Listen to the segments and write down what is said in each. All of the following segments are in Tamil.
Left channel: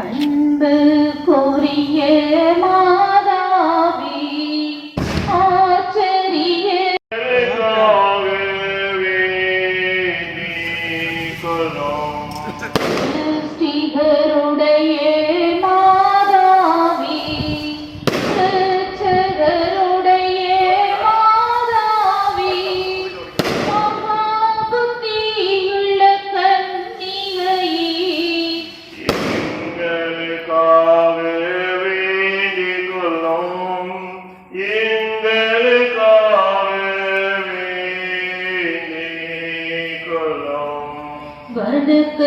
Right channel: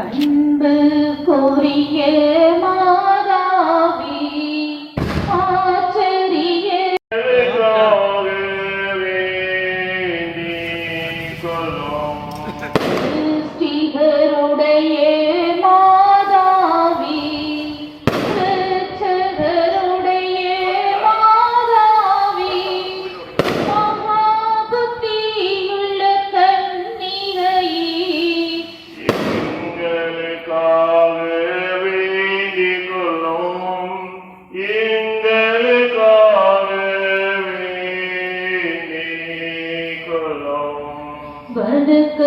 அன்பு கோரிய மாதாவி ஆச்சரிய. கொலோ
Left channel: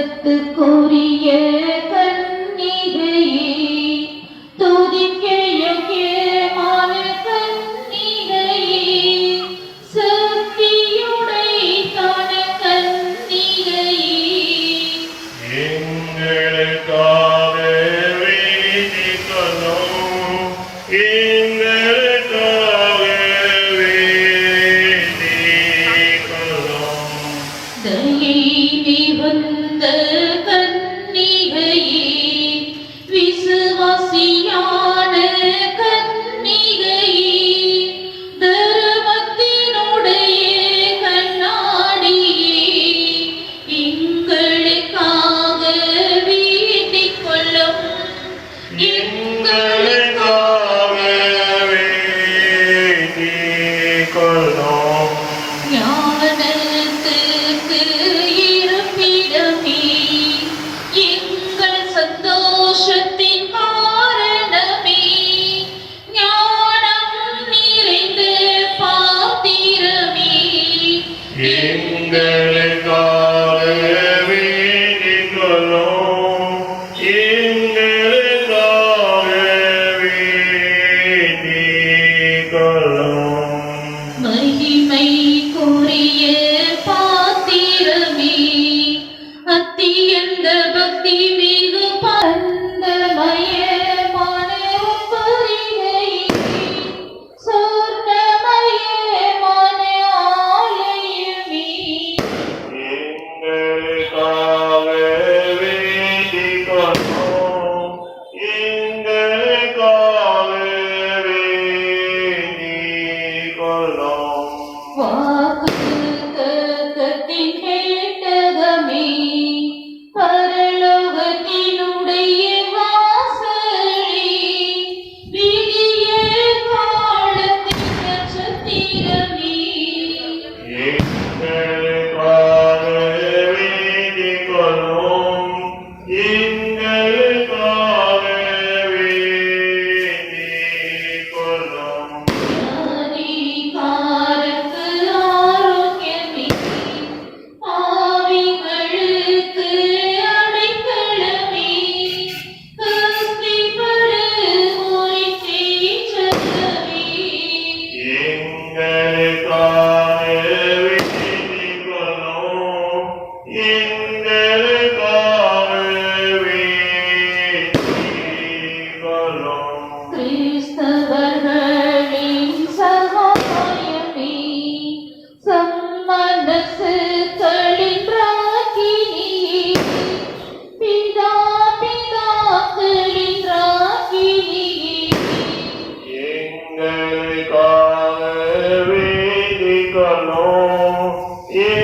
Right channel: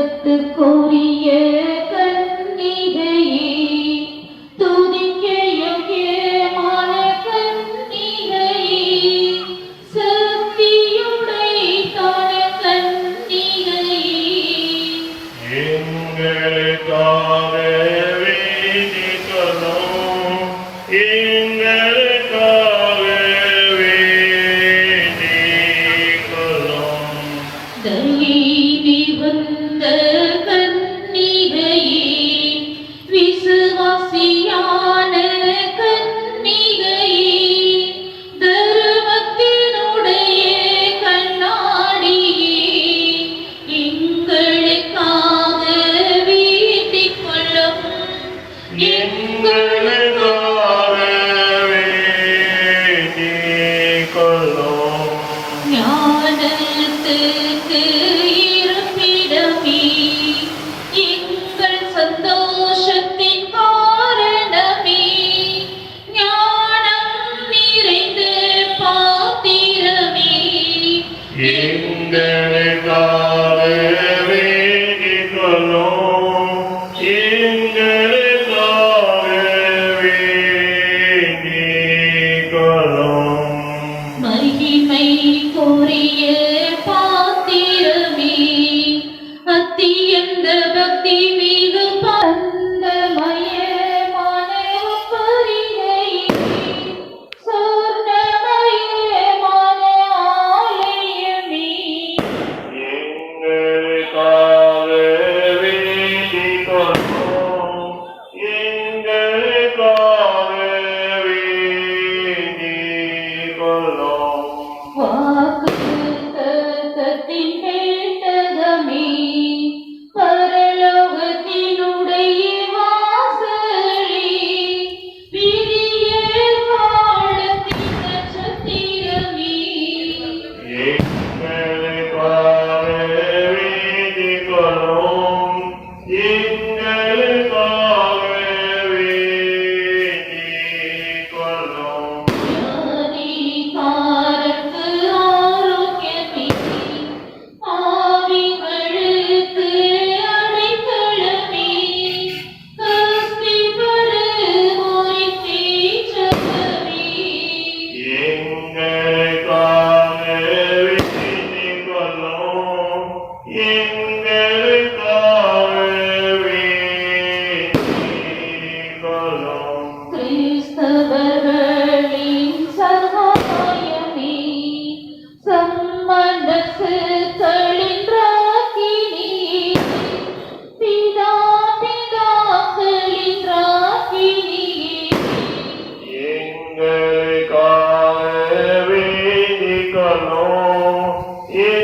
உலகத்துக்குரிய Bye. Yeah.